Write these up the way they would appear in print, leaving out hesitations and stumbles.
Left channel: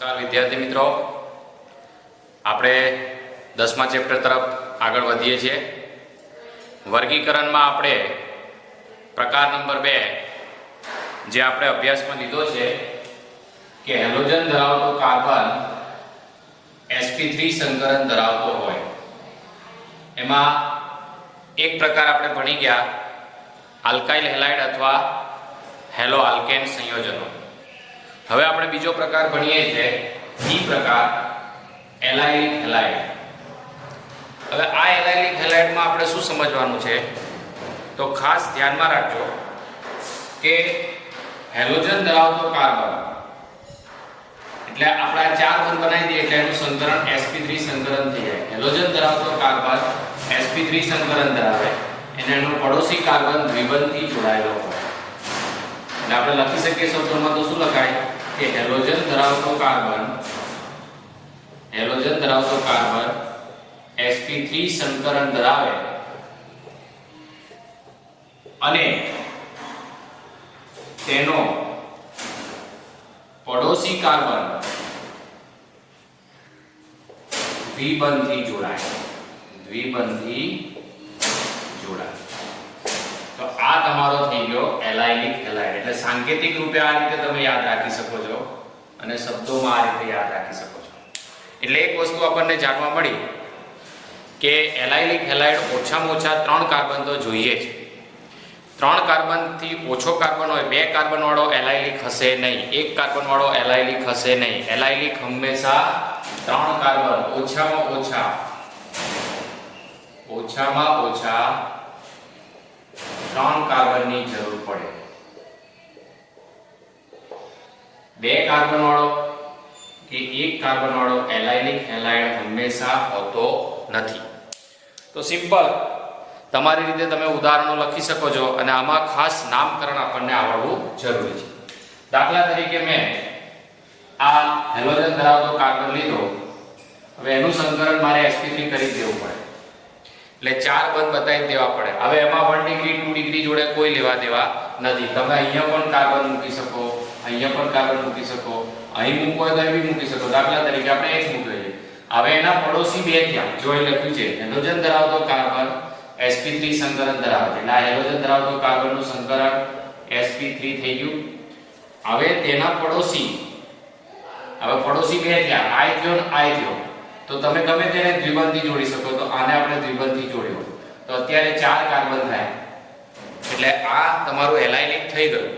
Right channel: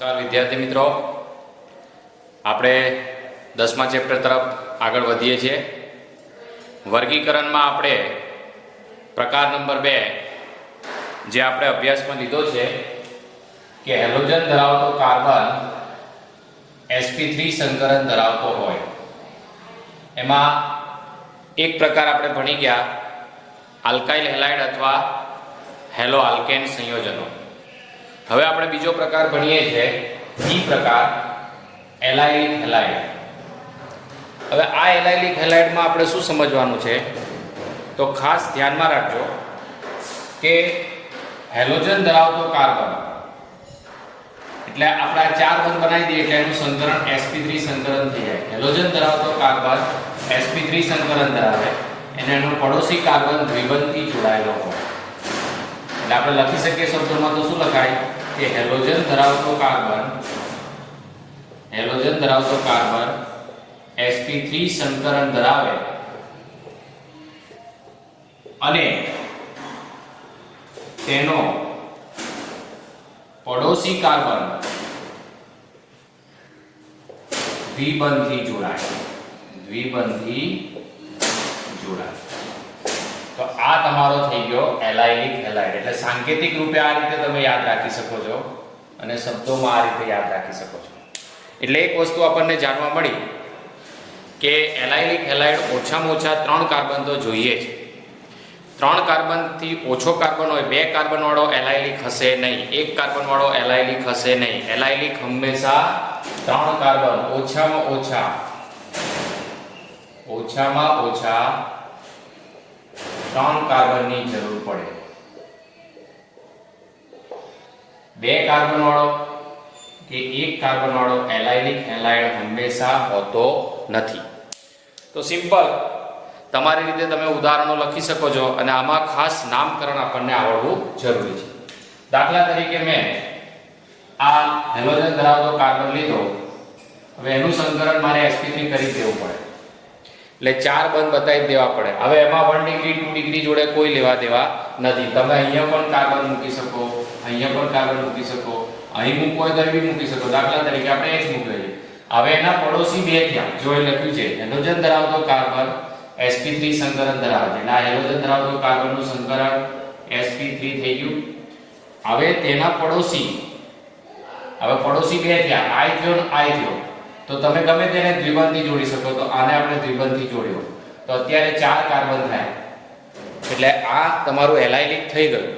નમસ્કાર વિદ્યાર્થી મિત્રો, આપણે 10મા ચેપ્ટર તરફ આગળ વધીએ છીએ. વર્ગીકરણમાં આપણે પ્રકાર નંબર 2 જે આપણે અભ્યાસમાં લીધો છે કે હેલોજન ધરાવતો કાર્બન sp3 સંકરણ ધરાવતો હોય, એમાં એક પ્રકાર આપણે ભણી ગયા આલ્કાઇલ હેલાઇડ અથવા હેલો આલ્કેન સંયોજનો. હવે આપણે બીજો પ્રકાર ભણીએ છીએ ઈ પ્રકાર એલાઇલિક હેલાઇડ. હવે આ એલાઇલિક હેલાઇડમાં આપણે શું સમજવાનું છે તો ખાસ ધ્યાનમાં રાખજો કે હેલોજન ધરાવતો કાર્બન એટલે આપણે આ 4 બંધ બનાવી દઈએ એટલે એનું સંકરણ sp3 સંકરણ થઈ જાય. હેલોજન ધરાવતો કાર્બન sp3 સંકરણ ધરાવે અને એનો પડોશી કાર્બન દ્વિબંધથી જોડાયેલો હોય એટલે આપણે લખી શકીએ શબ્દોમાં તો શું લખાય કે હેલોજન ધરાવતો કાર્બન sp3 સંકરણ ધરાવે અને તેનો પડોશી કાર્બન દ્વિબંધથી જોડાય. તો આ તમારો થઈ ગયો એલાઇલિક હેલાઇડ. એટલે સાંકેતિક રૂપે આ રીતે તમે યાદ રાખી શકો છો અને શબ્દોમાં આ રીતે યાદ રાખી શકો છો. એટલે એક વસ્તુ આપણને જાણવા મળી કે એલાઇલિક હેલાઇડ ઓછામાં ઓછા 3 કાર્બન તો જોઈએ છે. 3 કાર્બનથી ઓછો કાર્બન હોય, 2 કાર્બન વાળો એલાઇલિક હશે નહીં, 1 કાર્બન વાળો એલાઇલિક હશે નહીં. એલાઇલિક હંમેશા 3 કાર્બન ઓછામાં ઓછા 3 કાર્બનની જરૂર પડે. 2 કાર્બન વાળો કે 1 કાર્બન વાળો એલાઇલિક હેલાઇડ હંમેશા હોતો નથી. તો સિમ્પલ તમારી રીતે તમે ઉદાહરણો લખી શકો છો અને આમાં ખાસ નામકરણ આપણને આવડવું જરૂરી છે. દાખલા તરીકે મેં આ હેલોજન ધરાવતો કાર્બન લીધો, હવે એનું સંકરણ મારે sp3 કરી દેવું પડે એટલે 4 બંધ બતાવી દેવા પડે. હવે એમાં 1 ડિગ્રી 2 ડિગ્રી જોડે કોઈ લેવા દેવા નથી. તમે અહીંયા પણ કાર્બન મૂકી શકો, અહીંયા પણ કાર્બન મૂકી શકો, અહીં મૂકવો હોય તો અહીં બી મૂકી શકો. દાખલા તરીકે આપણે x મૂકી લઈએ. હવે એના પડોશી 2 થયા. જો એ લખ્યું છે હેલોજન ધરાવતો કાર્બન sp3 સંકરણ ધરાવે એટલે આ હેલોજન ધરાવતો કાર્બનનું સંકરણ sp3 થઈ ગયું. હવે તેના પડોશી 2 થયા, I થયો. તો તમે ગમે તેને દ્વિબંધથી જોડી શકો. તો આને આપણે દ્વિબંધથી જોડ્યો તો અત્યારે 4 કાર્બન થાય એટલે આ તમારું એલાઇલિક થઈ ગયું.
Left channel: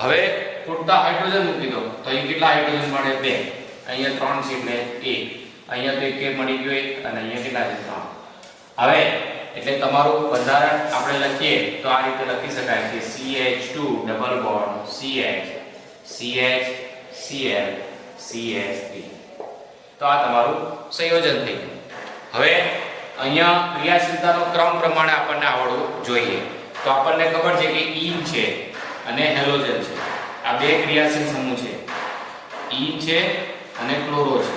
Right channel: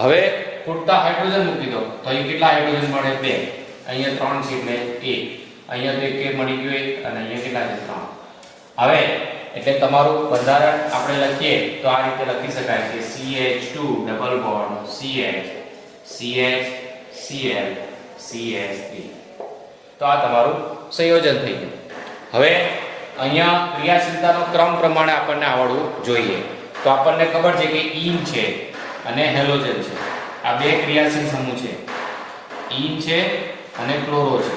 હવે ખૂટતા હાઇડ્રોજન મૂકી દો તો અહીં કેટલા હાઇડ્રોજન મળે? 2. અહીંયા 3 છે એટલે 1. અહીંયા તો 1 મળી ગયો 1 અને અહીંયા કેટલા છે? 3. હવે એટલે તમારું બંધારણ આપણે લખીએ તો આ રીતે લખી શકાય કે CH2 double bond CH CH3. તો આ તમારું સંયોજન થઈ ગયું. હવે અહીંયા ક્રિયાશીલતાનો ક્રમ પ્રમાણે આપણને આવડવું જોઈએ. તો આપણને ખબર છે કે ઈન છે અને હેલોજન છે, આ 2 ક્રિયાશીલ સમૂહ છે. ઈન છે અને ક્લોરો છે.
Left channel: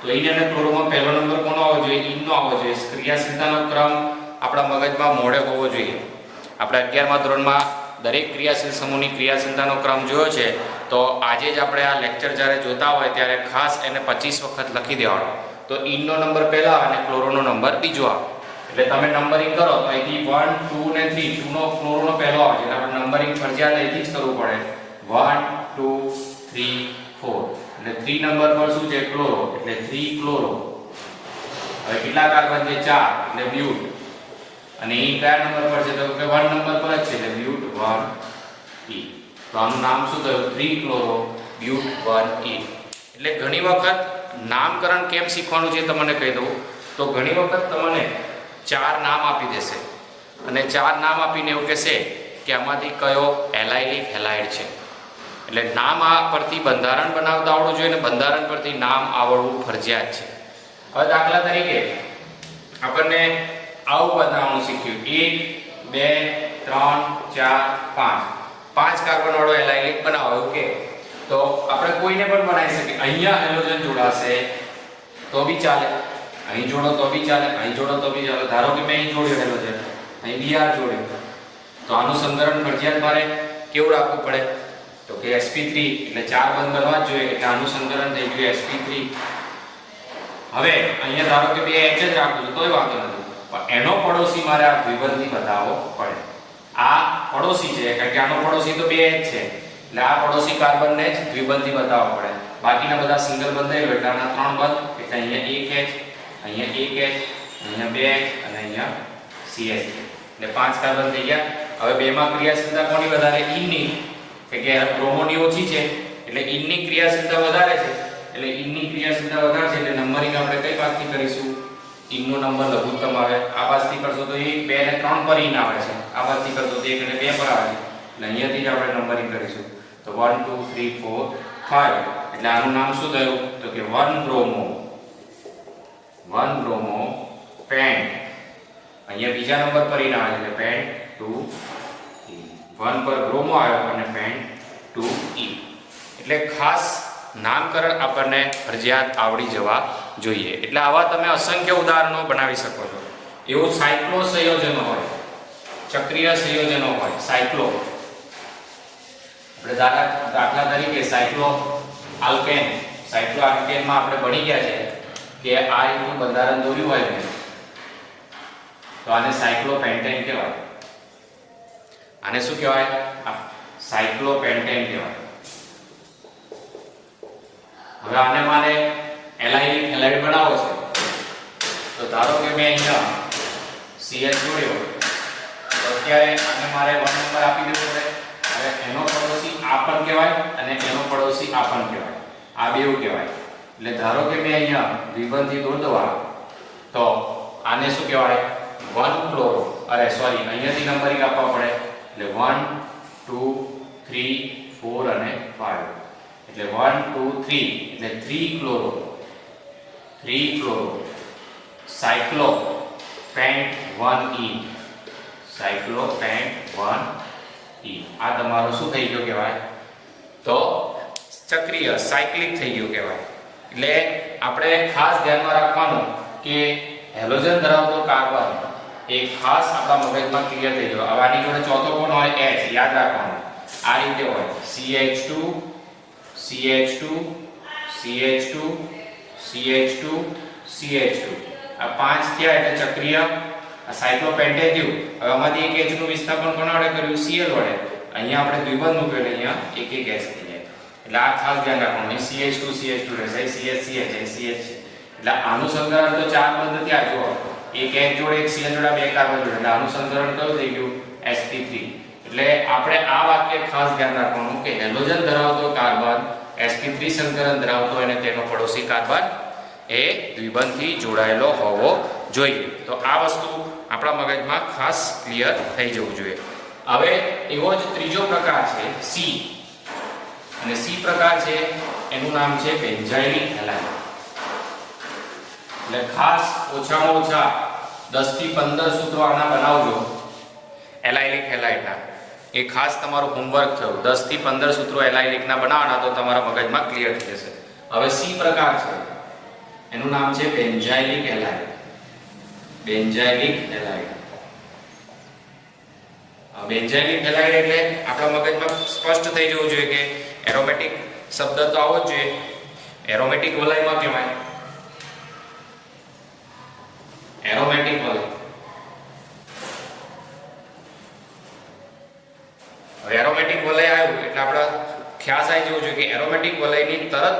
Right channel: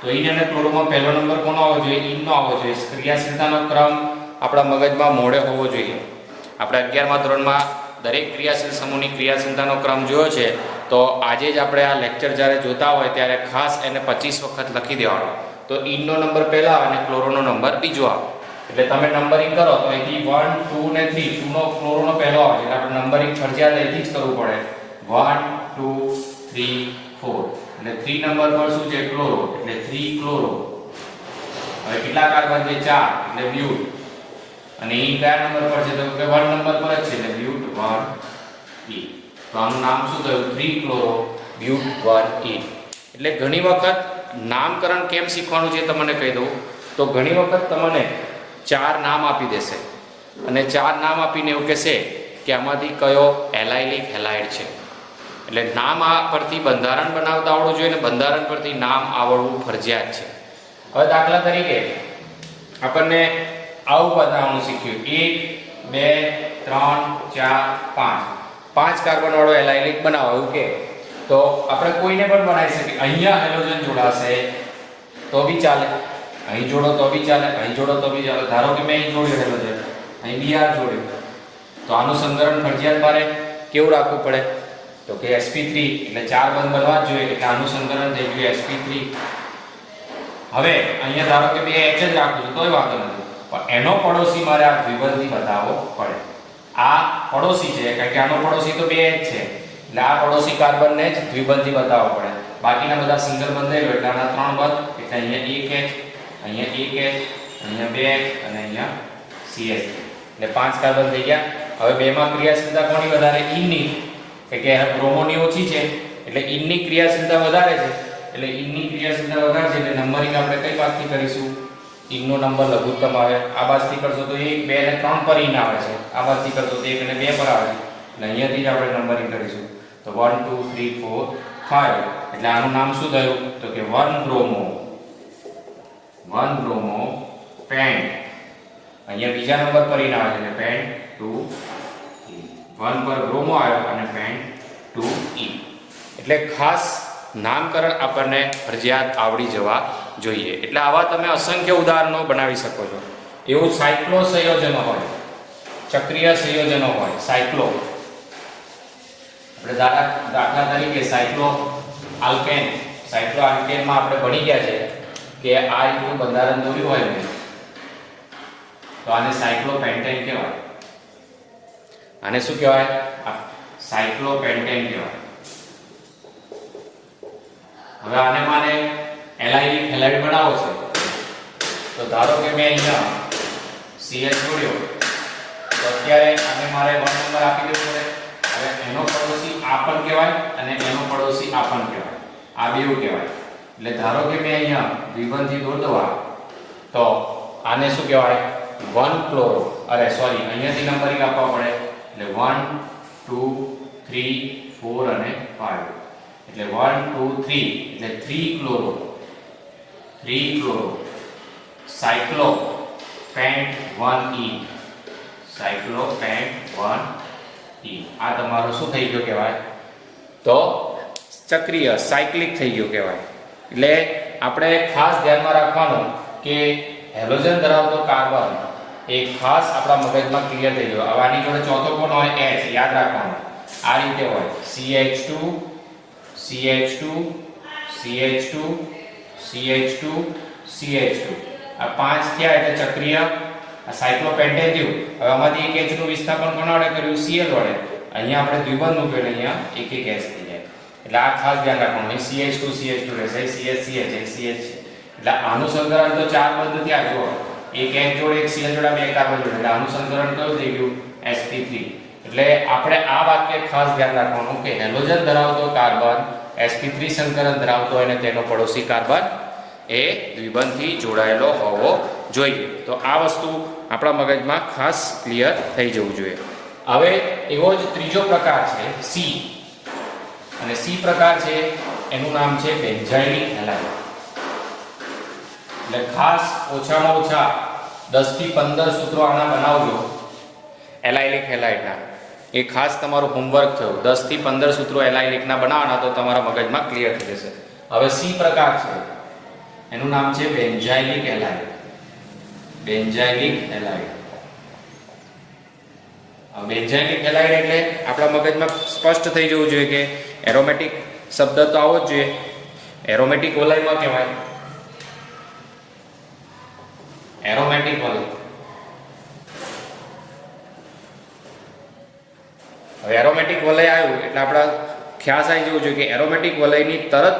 તો ઈન અને ક્લોરોમાં પહેલો નંબર કોનો આવવો જોઈએ? ઈનનો આવવો જોઈએ. ક્રિયાશીલતાનો ક્રમ આપણા મગજમાં મોઢે હોવો જોઈએ. આપણે 11મા ધોરણમાં દરેક ક્રિયાશીલ સમૂહની ક્રિયાશીલતાનો ક્રમ જોયો છે. તો આજે જ આપણે આ લેક્ચર જ્યારે જોતા હોય ત્યારે ખાસ એને 25 વખત લખી દેવાનો. તો ઈનનો નંબર પહેલા અને ક્લોરોનો નંબર બીજો આવે. એટલે તમે નંબરિંગ કરો તો અહીંથી 1 2 ને 3, 2 નો ક્લોરોનો પહેલો આવે એટલે આપણે નંબરિંગ ફરજિયાત અહીંથી જ કરવું પડે. 1 2 3 4 એટલે 3 નંબર પર શું છે? ક્લોરો એટલે 3 ક્લોરો. હવે કેટલા કાર્બન છે? 4 એટલે બ્યુટ. અને ઈ કયા નંબર પર છે? તો કે 1 નંબર પર જ છે એટલે બ્યુટ 1 E. તો આનું નામ શું થયું? 3 ક્લોરો બ્યુટ 1 E. એટલે ઘણી વખત નામકરણ કેમ શીખવાનું છે તમને કહી દઉં તો ઘણી વખત તમને 4 નામ આપી દેશે અને 4 નામ આપીને એવું કહેશે કે આમાંથી કયો એલાઇલિક હેલાઇડ છે. એટલે નામ આ પરથી બંધારણ બનાવતા આવડવું જોઈએ અને બંધારણ પરથી નામ આવડવું ફરજિયાત છે. હવે દાખલા તરીકે આપણને આવું બનાવવાનું શીખ્યું 1 2 3 4 5 કાર્બન વાળો એલાઇલિક બનાવો કે તો આપણે કોઈને પણ બનાવી શકીએ. અહીંયા હેલોજન જોડાશે તો બી ચાલે, અહીં જોડો તો બી ચાલે, અહીં જોડો તો બી ચાલે. ધારો કે મેં અહીં જોડ્યો હેલોજન, અહીં Br જોડ્યું તો આનું સંકરણ ફરજિયાત મારે કેવું રાખવું પડે? તો કે sp3 એટલે 4 બંધ બનવા જ જોઈએ એટલે આનું સંકલન થઈ ગયું sp3. હવે અહીંયા ધારો કે બે h જ રાખું છું તોય વાંધો નથી, પણ એનો પડોશી મારે આ દ્વિબંધી બતાવવો પડે. આ પડોશી છે કારણ કે આનો પડોશી તો બે h છે એટલે આ પડોશી કાર્બનને જ દ્વિબંધી બતાવવો પડે. બાકીના બધા સિંગલ બંધ થઈ ગયો એટલે આના 3 બંધ એટલે અહીંયા 1h, અહીંયા 1h, અહીંયા 2h અને અહીંયા CH એટલે 5 કાર્બન થઈ ગયા. હવે બેમાં ક્રિયાશીલતા કોની વધારે? ઇનની, કે બ્રોમોની ઓછી છે એટલે ઇનની ક્રિયાશીલતા વધારે છે એટલે ઇનની ક્રિયાશીલતા વધારે છે એટલે નંબરિંગ આપણે કઈ બાજુથી કરીશું? ઇનનો નંબર લઘુત્તમ આવે. આ બાજુથી કરશો તો 1 2 અને 3 પર ઇન આવે છે, આ બાજુથી કરશો તો 1 અને 2 પર આવે છે એટલે અહીંયાથી જ આપણે નંબરિંગ કરીશું. તો 1 2 3 4 5 એટલે આનું નામ શું થયું? તો કે 1 બ્રોમો પેન્ટ. અહીંયા બીજા નંબર પર ઇન આવે છે પેન્ટ 2 1 પર બ્રોમો આવ્યો અને પેન્ટ 2E. એટલે ખાસ નામકરણ આપણને ફરજિયાત આવડી જવા જોઈએ. એટલે આવા તમે અસંખ્ય ઉદાહરણો બનાવી શકો છો. એવું સાયક્લો સંયોજનો હોય, ચક્રીય સંયોજનો હોય, સાયક્લો આપણે દાખલા તરીકે સાયક્લો આલ્કેનમાં આપણે ભણી ગયા છે કે આ રીતનું બંધારણ દોર્યું હોય ને તો આને સાયક્લોપેન્ટેન કહેવાય. આને શું કહેવાય? સાયક્લોપેન્ટેન કહેવાય. હવે આને મારે એલાઇડ બનાવો છે તો ધારો કે મેં અહીંયા CH જોડ્યો તો અત્યારે આને મારે 1 નંબર આપી દેવો પડે. હવે એનો પડોશી આ પણ કહેવાય અને એનો પડોશી આ પણ કહેવાય, આ બેઉ કહેવાય. એટલે ધારો કે મેં અહીંયા દ્વિબંધી દોરવા તો આને શું કહેવાય? 1 ક્લોરો અહીંયાથી નંબરિંગ આપવા પડે એટલે 1 2 3 4 અને 5 એટલે 1 2 3 એટલે 3 ક્લોરો સાયક્લોપેન્ટ 1E આ તમારો શું થઈ ગયો કહેવાય? તો ચક્રીય સાયક્લિક થઈ ગયું કહેવાય. એટલે આપણે ખાસ ધ્યાનમાં રાખવાનું કે હેલોજન ધરાવતો કાર્બન એ ખાસ આપણા મગજમાં ક્લિયર થઈ ગયો. હવે આની જોડે ચોથો કોણ હોય? H. યાદ રાખવાનું આ રીતે હોય CH2 CH2 CH2 CH2 CH2 આ 5 થયા એટલે ચક્રીય સાયક્લોપેન્ટેન થયું. હવે આમાંથી એક H નું વિસ્થાપન કોના વડે કર્યું? Cl વડે. અહીંયા આપણે દ્વિબંધ મૂક્યો એટલે અહીંયા એક H થઈ જાય. એટલે આ ખાસ ધ્યાન રાખવાનું. અહીં CH2 રહેશે, CH છે એટલે આનું સંકલન તો 4 બંધ થયા. જો એક H જોડે એક Cl જોડે બે કાર્બન જોડે એટલે આનું સંકલન કયું થઈ ગયું? sp3. એટલે આપણે આ વાક્ય ખાસ ધ્યાન રાખવાનું કે હેલોજન ધરાવતો કાર્બન sp3 સંકલન ધરાવતો અને તેનો પડોશી કાર્બન એ દ્વિબંધથી જોડાયેલો હોવો જોઈએ. તો આ વસ્તુ આપણા મગજમાં ખાસ ક્લિયર થઈ જવું જોઈએ. હવે એવો જ ત્રીજો પ્રકાર છે C. અને C પ્રકાર છે એનું નામ છે બેન્ઝાઇલિક હેલાઇડ. એટલે ખાસ ઓછામાં ઓછા 10 થી 15 સૂત્રો આના બનાવજો એલાઇલિક હેલાઇડના. એ ખાસ તમારું હોમવર્ક થયું. 10 થી 15 સૂત્રો એલાઇલિકના બનાવવાના તો તમારા મગજમાં ક્લિયર થઈ જશે. હવે C પ્રકાર છે એનું નામ છે બેન્ઝાઇલિક હેલાઇડ. બેન્ઝાઇલિક હેલાઇડ એટલે આપણા મગજમાં સ્પષ્ટ થઈ જવું જોઈએ કે એરોમેટિક શબ્દ તો આવો જ જોઈએ. એરોમેટિક વલયમાં કહેવાય એરોમેટિક વલય. હવે એરોમેટિક વલય આવ્યું એટલે આપણા ખ્યાલ આવી જવું જોઈએ કે એરોમેટિક વલયની તરત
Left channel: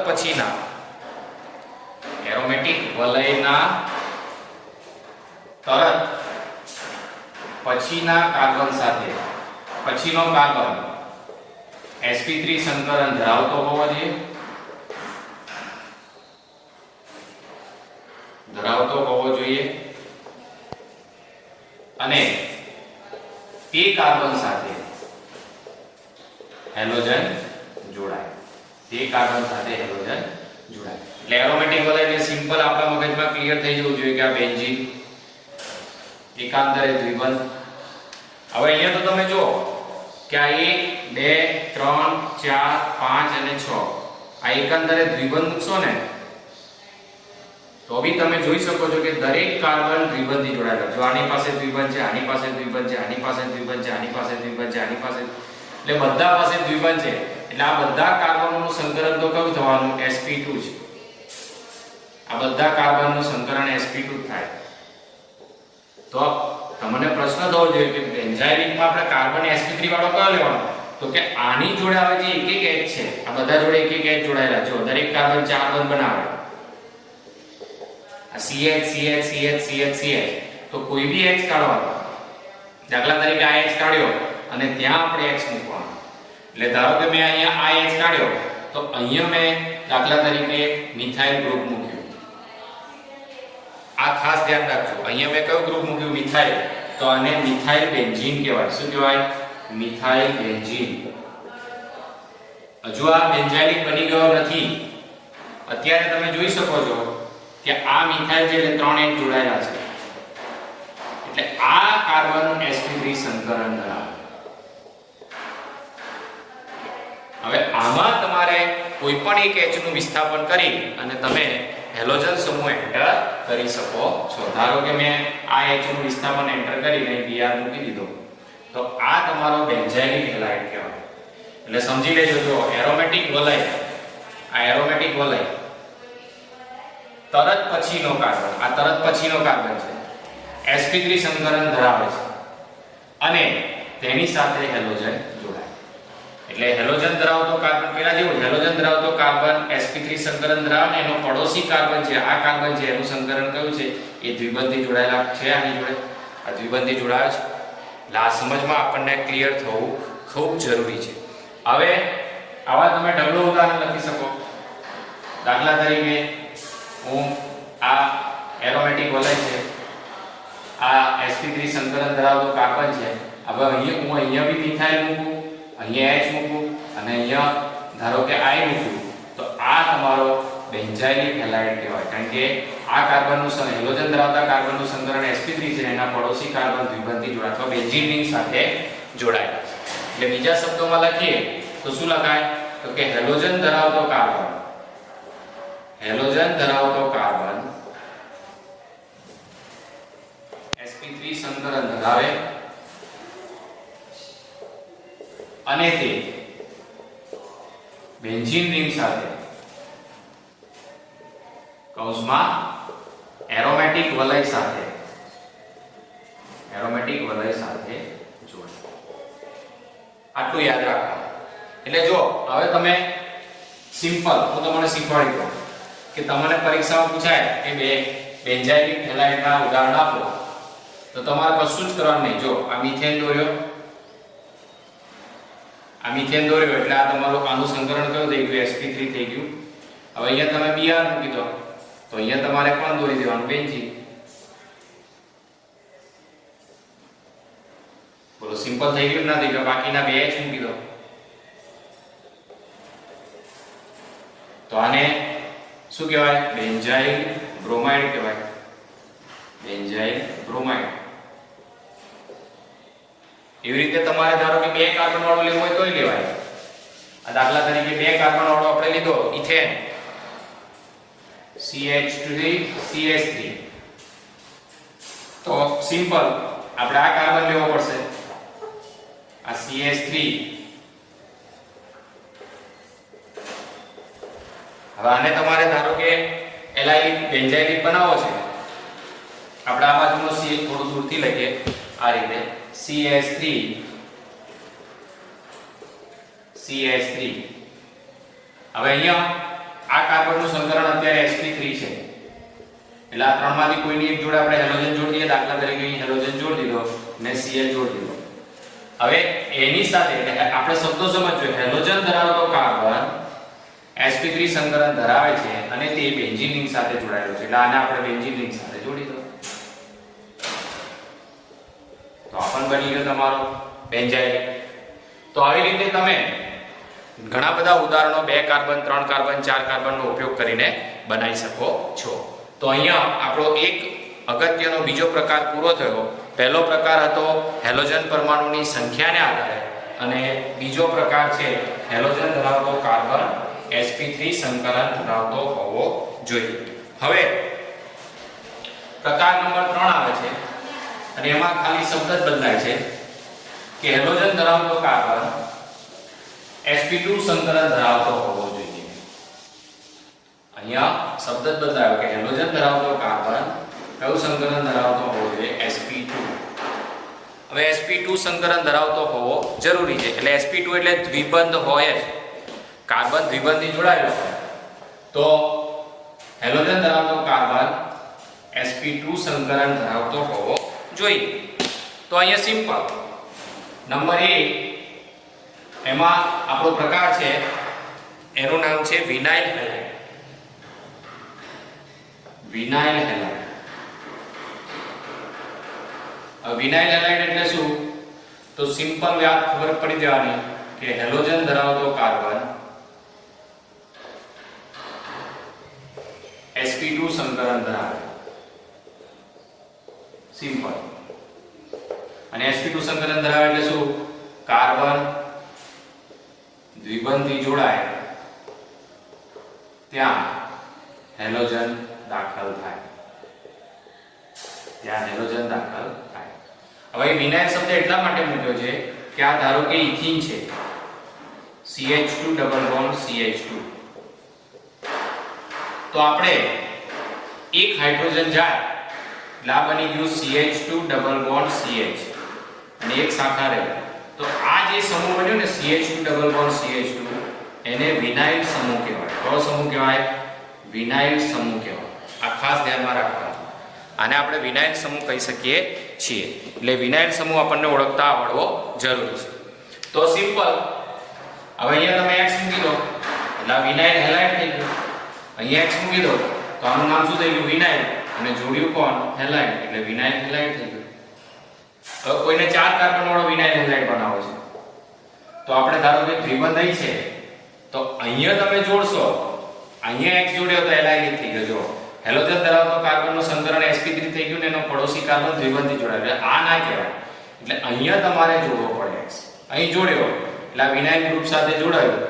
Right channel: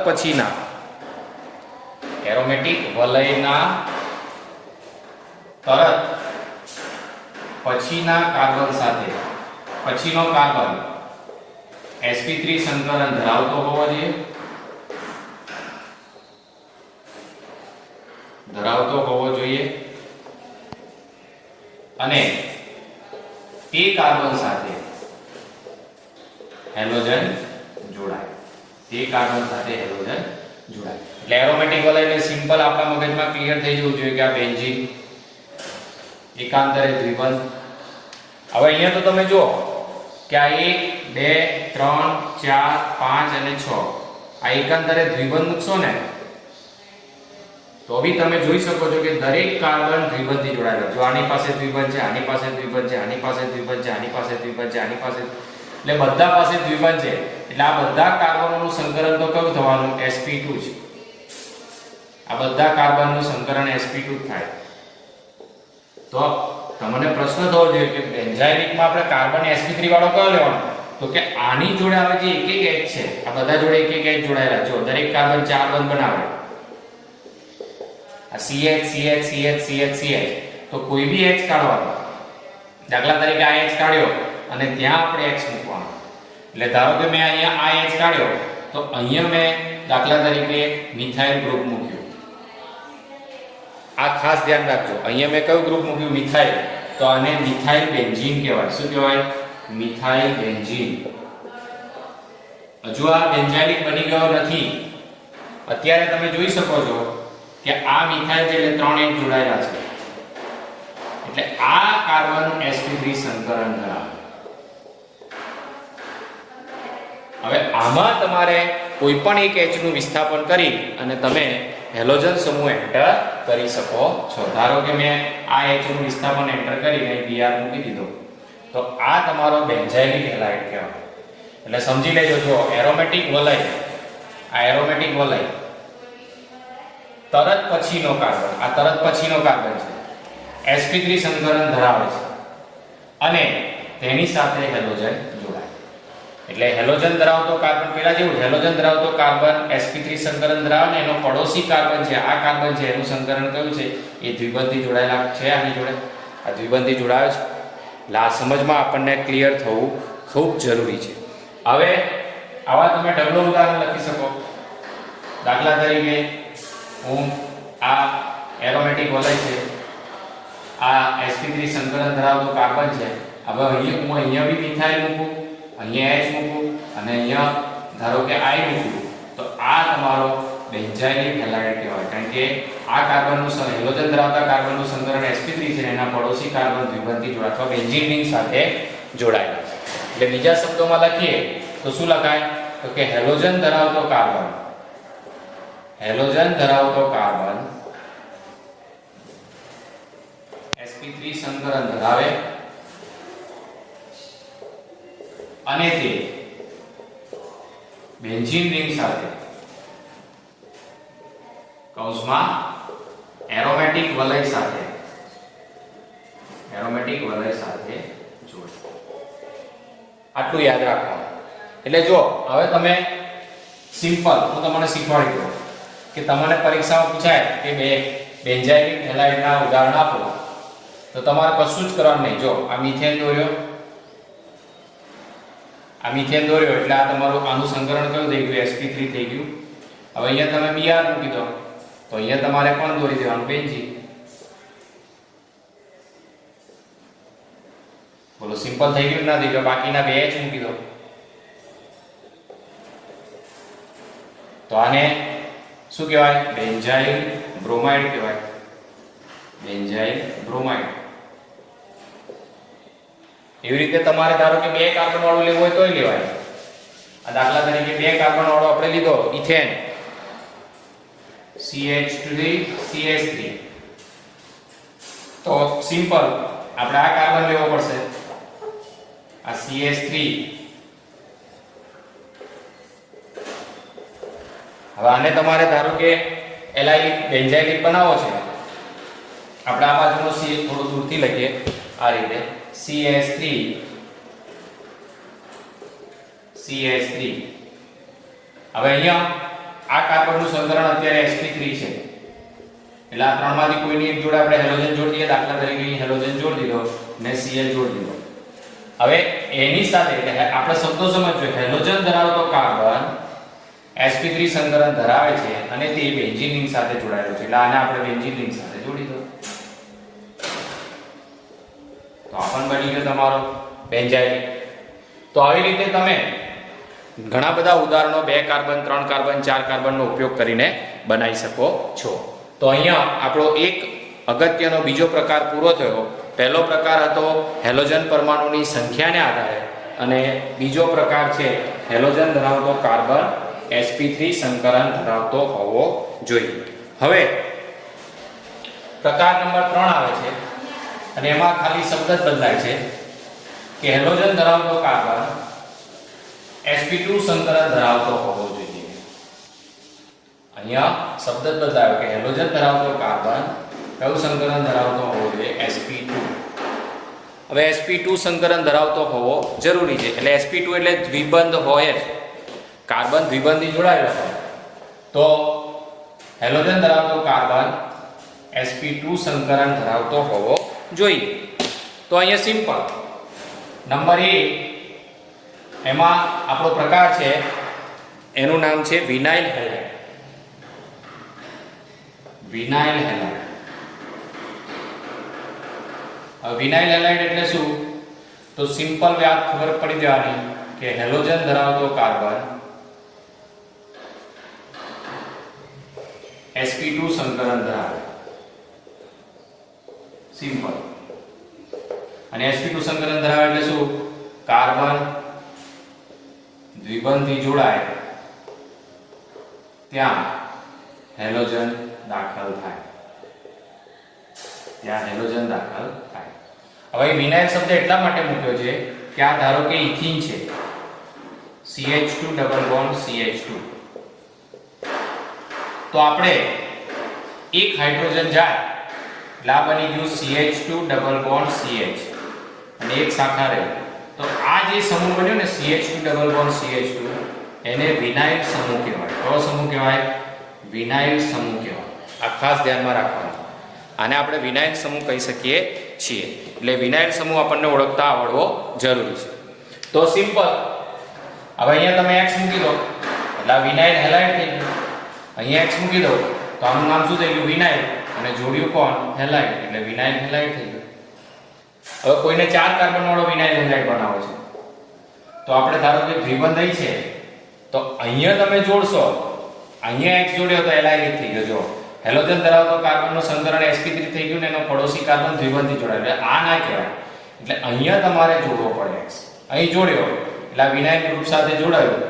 પછીના કાર્બન સાથે પછીનો કાર્બન sp3 સંકલન ધરાવતો હોવો જોઈએ અને તે કાર્બન સાથે હેલોજન જોડાય. એટલે એરોમેટિક વલય એટલે સિમ્પલ આપણા મગજમાં ક્લિયર થઈ જવું જોઈએ કે આ બેન્ઝીન એકાંતરે દ્વિબંધ. હવે અહીંયા તો તમે જુઓ કે આ 1 2 3 4 5 અને 6 આ એકાંતરે દ્વિબંધ મૂકશો ને તો બી તમે જોઈ શકો છો કે દરેક કાર્બન દ્વિબંધથી જોડાયેલો. જો આની પાસે દ્વિબંધ છે, આની પાસે દ્વિબંધ છે, આની પાસે દ્વિબંધ છે, આની પાસે દ્વિબંધ છે, આની પાસે એટલે બધા પાસે દ્વિબંધ છે. એટલે આ બધા કાર્બનોનું સંકલન તો કયું થવાનું? sp2 છે. આ બધા કાર્બનનું સંકલન sp2 થાય. તો તમને પ્રશ્ન થવો જોઈએ કે બેન્ઝાઇલિકમાં આપણે કાર્બન sp3 વાળો કયો લેવાનો? તો કે આની જોડે આવે જે એક એક H છે, આ બધા જોડે એક એક H જોડાયેલા છે. દરેક કાર્બન 4 બંધ બનાવે. આ CH CH CH CH CH તો કોઈ બી H કાઢવાનો. દાખલા તરીકે આ H કાઢ્યો અને ત્યાં આપણે X મૂકવાનો. એટલે ધારો કે મેં અહીંયા આ H કાઢ્યો તો અહીંયા મેં દાખલા તરીકે મિથાઇલ ગ્રુપ મૂક્યું. આ ખાસ ધ્યાન રાખજો. અહીંયા મેં કયું ગ્રુપ મૂક્યું? મિથાઇલ. તો આને મિથાઇલ બેન્ઝીન કહેવાય. શું કહેવાય? Methyl benzene. હજુ આ બેન્ઝાઇલિક બની ગયો નથી. અત્યારે તમે જોઈ શકો છો કે આ મિથાઇલ છે એટલે 3 H જોડાયેલા છે. એટલે આ કાર્બન sp3 સંકલન ધરાવે. હવે આમાં તમારે કોઈ પણ એક H નું વિસ્થાપન કરી અને તમે હેલોજન સમૂહ એન્ટર કરી શકો છો. ધારો કે મેં આ H નું વિસ્થાપન એન્ટર કરી અને Br મૂકી દીધો તો આ તમારો બેન્ઝાઇલિક હેલાઇડ કહેવાય. એટલે સમજી લેજો, જો એરોમેટિક વલય, આ એરોમેટિક વલય તરત પછીનો કાર્બન, આ તરત પછીનો કાર્બન છે, sp3 સંકલન ધરાવે છે અને તેની સાથે હેલોજન જોડાય. એટલે હેલોજન ધરાવતો કાર્બન પેલા જેવું હેલોજન ધરાવતો કાર્બન sp3 સંકલન ધરાવે ને એનો પડોશી કાર્બન છે, આ કાર્બન છે એનું સંકલન કયું છે? એ દ્વિબંધી જોડાયેલા છે. આની જોડે આ દ્વિબંધી જોડાય છે. એટલે આ સમજમાં આપણને ક્લિયર થવું ખૂબ જરૂરી છે. હવે આવા તમે ઢગલો ઉદાહરણ લખી શકો. દાખલા તરીકે હું આ એરોમેટિક વલય છે, આ sp3 સંકલન ધરાવતો કાર્બન છે. હવે અહીંયા બી મિથાઇલ મૂકું, અહીંયા H મૂકું અને અહીંયા ધારો કે I મૂકું તો આ તમારો બેન્ઝાઇલિક હેલાઇડ કહેવાય. કારણ કે આ કાર્બનનું હેલોજન ધરાવતા કાર્બનનું સંકલન sp3 છે, એના પડોશી કાર્બન દ્વિબંધી જોડાય અથવા બેન્ઝીન રિંગ સાથે જોડાયેલા છે. એટલે બીજા શબ્દોમાં લખીએ તો શું લખાય? તો કે હેલોજન ધરાવતો કાર્બન, હેલોજન ધરાવતો કાર્બન sp3 સંકલન ધરાવે અને તે બેન્ઝીન રિંગ સાથે કૌંસમાં એરોમેટિક વલય સાથે જોડાય. આટલું યાદ રાખવાનું. એટલે જો હવે તમે સિમ્પલ હું તમને શીખવાડી દઉં કે તમને પરીક્ષામાં પૂછાય કે બે બેન્ઝાઇલિક હેલાઇડના ઉદાહરણ આપો તો તમારે કશું જ કરવાનું નહીં. જો આ મિથેન દોર્યો, એટલે આ તમારું આનું સંકલન કયું થઈ ગયું? sp3 થઈ ગયું. હવે અહીંયા તમે Br મૂકી દો તો અહીંયા તમારે કોણ દોરી દેવાનું? બેન્ઝીન. બોલો સિમ્પલ થઈ ગયું ના થઈ ગયું? બાકીના બે H મૂકી દો તો આને શું કહેવાય? બેન્ઝાઇલ બ્રોમાઇડ કહેવાય. Benzyl bromide. એવી રીતે તમારે ધારો કે 2 કાર્બન વાળું લેવું હોય તોય લેવાય. આ દાખલા તરીકે 2 કાર્બન વાળો આપણે લીધો ઇથેન CH3 CH3 તો સિમ્પલ આપણે આ કાર્બન લેવો પડશે, આ CH3. હવે આને તમારે ધારો કે એલાઇલિક બેન્ઝાઇલિક બનાવો છે. આપણે આ બાજુનો CH થોડું દૂરથી લખીએ આ રીતે CH3 હવે અહીંયા આ કાર્બનનું સંકલન અત્યારે sp3 છે એટલે આ ત્રણમાંથી કોઈની એક જોડે આપણે હેલોજન જોડી દઈએ. દાખલા તરીકે હેલોજન જોડી દીધો, મેં Cl જોડી દીધો. હવે એની સાથે આપણે શબ્દો સમજજો. હેલોજન ધરાવતો કાર્બન sp3 સંકલન ધરાવે છે અને તે બેન્ઝીન રિંગ સાથે જોડાયેલો છે. એટલે આને આપણે બેન્ઝીન રિંગ સાથે જોડી દો તો આપણ બની ગયો તમારો બેન્ઝાઇલ. તો આવી રીતે તમે ઘણા બધા ઉદાહરણો 2 કાર્બન 3 કાર્બન 4 કાર્બનનો ઉપયોગ કરીને બનાવી શકો છો. તો અહીંયા આપણો એક અગત્યનો બીજો પ્રકાર પૂરો થયો. પહેલો પ્રકાર હતો હેલોજન પરમાણુની સંખ્યાને આધારે અને બીજો પ્રકાર છે હેલોજન ધરાવતો કાર્બન sp3 સંકલન ધરાવતો હોવો જોઈએ. હવે પ્રકાર નંબર 3 આવે છે અને એમાં ખાલી શબ્દ જ બદલાય છે કે હેલોજન ધરાવતો કાર્બન sp2 સંકલન ધરાવતો હોવો જોઈએ. અહીંયા શબ્દ જ બતાવ્યો કે હેલોજન ધરાવતો કાર્બન કયું સંકલન ધરાવતો હોવો જોઈએ? sp2. હવે sp2 સંકલન ધરાવતો હોવો જરૂરી છે. એટલે sp2 એટલે દ્વિબંધ હોય જ, કાર્બન દ્વિબંધી જોડાયેલો હોય તો હેલોજન ધરાવતો કાર્બન sp2 સંકલન ધરાવતો હોવો જોઈએ. તો અહીંયા સિમ્પલ નંબર 1 એમાં આપણો પ્રકાર છે, એનું નામ છે vinyl halide. Vinyl halide. Vinyl halide એટલે શું? તો સિમ્પલ વાત ખબર પડી જવાની કે હેલોજન ધરાવતો કાર્બન sp2 સંકલન ધરાવે. સિમ્પલ. અને sp2 સંકલન ધરાવે એટલે શું? કાર્બન દ્વિબંધી જોડાય ત્યાં હેલોજન દાખલ થાય. ત્યાં હેલોજન દાખલ થાય. હવે વિનાઇલ શબ્દ એટલા માટે મૂક્યો છે કે આ ધારો કે ઇથિન છે, CH2 ડબલ બોન્ડ CH2, તો આપણે એક હાઇડ્રોજન જાય એટલે આ બની ગયું CH2 ડબલ બોન્ડ CH અને એક શાખા રહી. તો આ જે સમૂહ બન્યો ને CH2 ડબલ બોન્ડ CH2 એને વિનાઇલ સમૂહ કહેવાય. કયો સમૂહ કહેવાય? વિનાઇલ સમૂહ કહેવાય. આ ખાસ ધ્યાનમાં રાખવાનું. આને આપણે વિનાઇલ સમૂહ કહી શકીએ છીએ. એટલે વિનાઇલ સમૂહ આપણને ઓળખતા આવડવો જરૂરી છે. તો સિમ્પલ. હવે અહીંયા તમે x મૂકી દો એટલે આ વિનાઇલ હેલાઇડ થઈ ગયું. અહીંયા x મૂકી દો તો આનું નામ શું થઈ ગયું? વિનાઇલ. અને જોડ્યું કોણ? હેલાઇડ. એટલે વિનાઇલ હેલાઇડ થઈ ગયું. હવે કોઈને 4 કાર્બન વાળો વિનાઇલ હેલાઇડ બનાવો છે તો આપણે ધારો કે દ્વિબંધ અહીં છે તો અહીંયા તમે જોડશો, અહીંયા x જોડ્યો તો એલાઇડ થઈ ગયો. જો હેલોજન ધરાવતો કાર્બનનો સંકલન sp3 થઈ ગયું ને એનો પડોશી કાર્બન દ્વિબંધી જોડાય. એટલે આ ના કહેવાય. એટલે અહીંયા તમારે જોડવો પડે x. અહીં જોડ્યો એટલે આ વિનાઇલ ગ્રુપ સાથે જોડાયું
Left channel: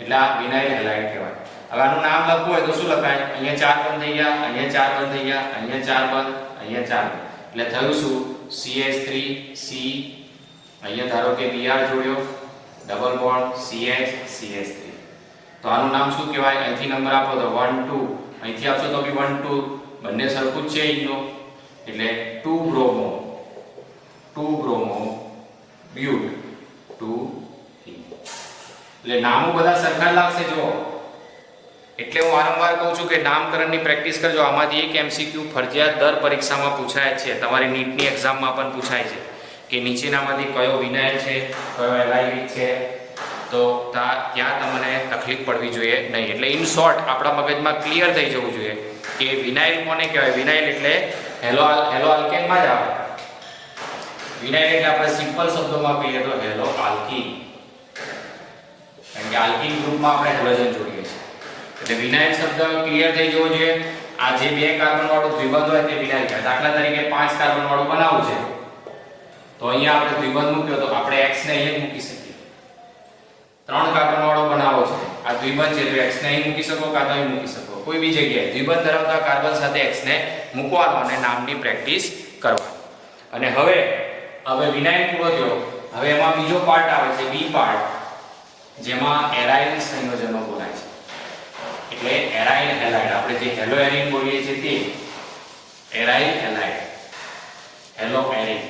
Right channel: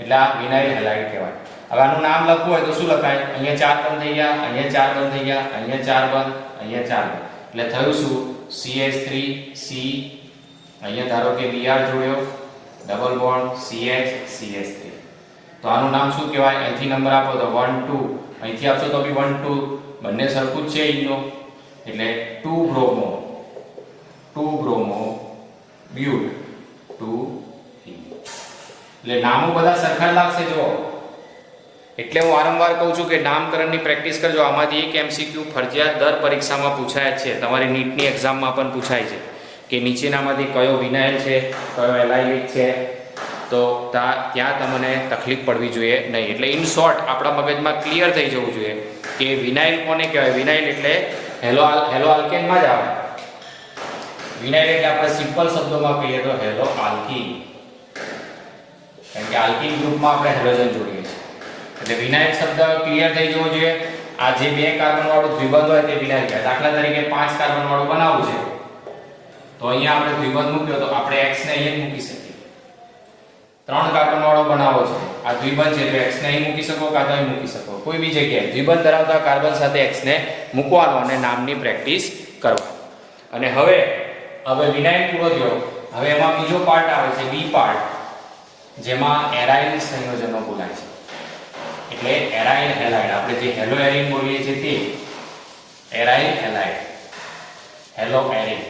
એટલે આ વિનાઇલ હેલાઇડ કહેવાય. હવે આનું નામ લખવું હોય તો શું લખાય? અહીંયા 4 બંધ થઈ ગયા, અહીંયા 4 બંધ થઈ ગયા, અહીંયા 4 બંધ, અહીંયા 4 બંધ. એટલે થયું શું? CH3C. અહીંયા ધારો કે Br જોડ્યો, ડબલ બોન્ડ CH CH3. તો આનું નામ શું કહેવાય? અહીંથી નંબર આપો તો 1 2, અહીંથી આપશો તો બી 1 2, બંને સરખું જ છે અહીંનો. એટલે 2 બ્રોમો બ્યુટ 2 એટલે નામો બધા સરખા લાગશે. જો એટલે હું વારંવાર કહું છું કે નામકરણની પ્રેક્ટિસ કરજો. આમાંથી એક MCQ ફરજિયાત દર પરીક્ષામાં પૂછાય છે. તમારી નીટની એક્ઝામમાં પણ પૂછાય છે કે નીચેનામાંથી કયો વિનાઇલ છે, કયો એલાઇડ છે. તો ત્યાં તમને તકલીફ પડવી જોઈએ નહીં. એટલે ઇન શોર્ટ આપણા મગજમાં ક્લિયર થઈ જવું જોઈએ કે વિનાઇલ કોને કહેવાય? વિનાઇલ એટલે હેલો આલ્કેનમાં જ આવે. વિનાઇલ એટલે આપણે સિમ્પલ શબ્દોમાં કહીએ તો હેલો આલ્કીન. કારણ કે આલ્કીન ગ્રુપમાં આપણે હેલોજન જોડીએ છીએ. એટલે વિનાઇલ શબ્દ ક્લિયર થઈ જવો જોઈએ. આ જે 2 કાર્બન વાળું દ્વિબંધ હોય તે વિનાઇલ કહેવાય. દાખલા તરીકે 5 કાર્બન વાળું બનાવવું છે તો અહીંયા આપણે દ્વિબંધ મૂક્યો તો આપણે x ને અહીં મૂકી શકીએ. 3 કાર્બન વાળો બનાવો છે, આ દ્વિબંધ છે તો x ને અહીં મૂકી શકો, કાં તો અહીં મૂકી શકો. કોઈ બી જગ્યાએ દ્વિબંધ ધરાવતા કાર્બન સાથે x ને મૂકવાનો અને નામની પ્રેક્ટિસ કરવાની. અને હવે વિનાઇલ પૂરો થયો. હવે એમાં બીજો પાર્ટ આવે છે, બી પાર્ટ, જેમાં એરાઇલ સંયોજનો બોલાય છે. એટલે એરાઇલ હેલાઇડ, આપણે જે હેલો એરિન બોલીએ છીએ તે એરાઇલ હેલાઇડ, હેલો એરિન.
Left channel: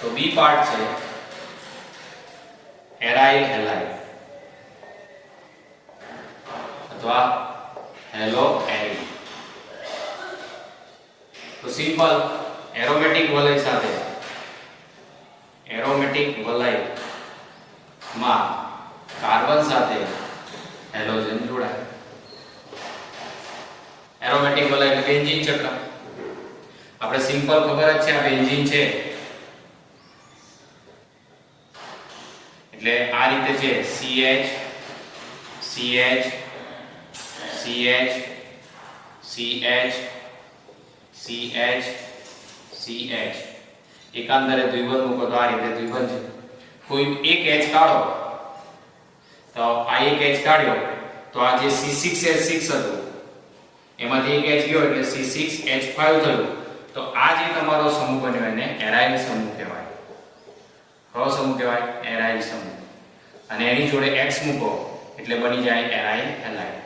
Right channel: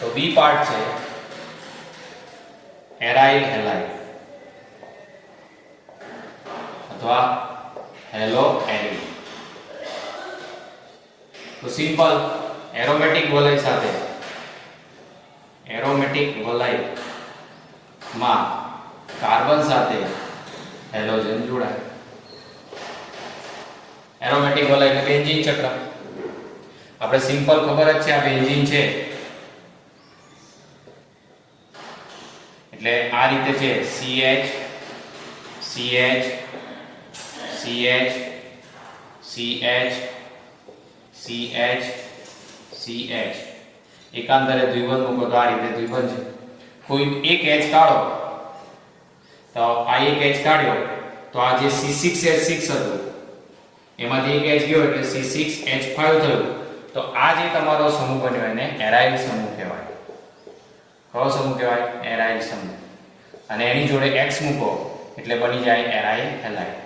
તો બી પાર્ટ છે એરાઇલ હેલાઇડ અથવા હેલો એરિન. તો સિમ્પલ એરોમેટિક વલય સાથે, એરોમેટિક વલયમાં કાર્બન સાથે હેલોજન જોડાય. એરોમેટિક વલય એટલે બેન્ઝીન ચક્ર. આપણે સિમ્પલ ખબર જ છે આ બેન્ઝીન છે એટલે આ રીતે છે CH CH CH CH CH CH. એકાંતરે દ્વિબંધ મૂકો તો આ રીતે દ્વિબંધ છે. કોઈ એક H કાઢો તો આ એક H કાઢ્યો તો આ જે C6H6 હતું એમાંથી એક H ગયો એટલે C6H5 થયું. તો આ જે તમારો સમૂહ બન્યો એને એરાઇલ સમૂહ કહેવાય. કયો સમૂહ કહેવાય? એરાઇલ સમૂહ. અને એની જોડે x મૂકો એટલે બની જાય એરાઇલ હેલાઇડ.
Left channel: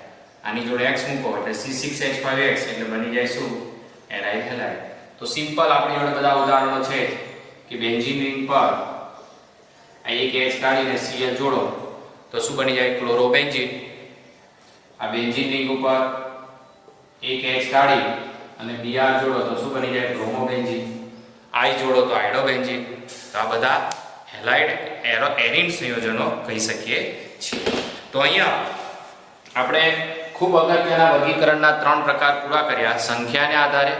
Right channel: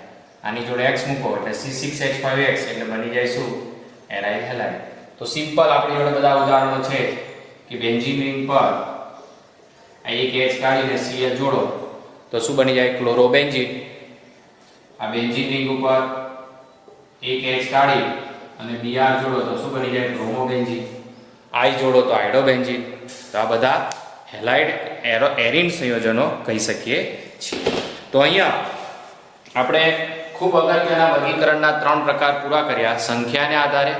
આની જોડે x મૂકો એટલે C6H5X એટલે બની જાય શું? Aryl halide. તો સિમ્પલ આપણી જોડે બધા ઉદાહરણો છે કે બેન્ઝીન રિંગ પર આ એક H કાઢીને Cl જોડો તો શું બની જાય? ક્લોરોબેન્ઝીન. આ બેન્ઝીન રિંગ ઉપર એક H કાઢી અને Br જોડો તો શું બની જાય? બ્રોમોબેન્ઝીન. I જોડો તો આઇડોબેન્ઝીન. તો આ બધા હેલાઇડ એરીન સંયોજનો કહી શકીએ છીએ. તો અહીંયા આપણે ખૂબ અગત્યના વર્ગીકરણના 3 પ્રકાર પૂરા કર્યા: સંખ્યાને આધારે,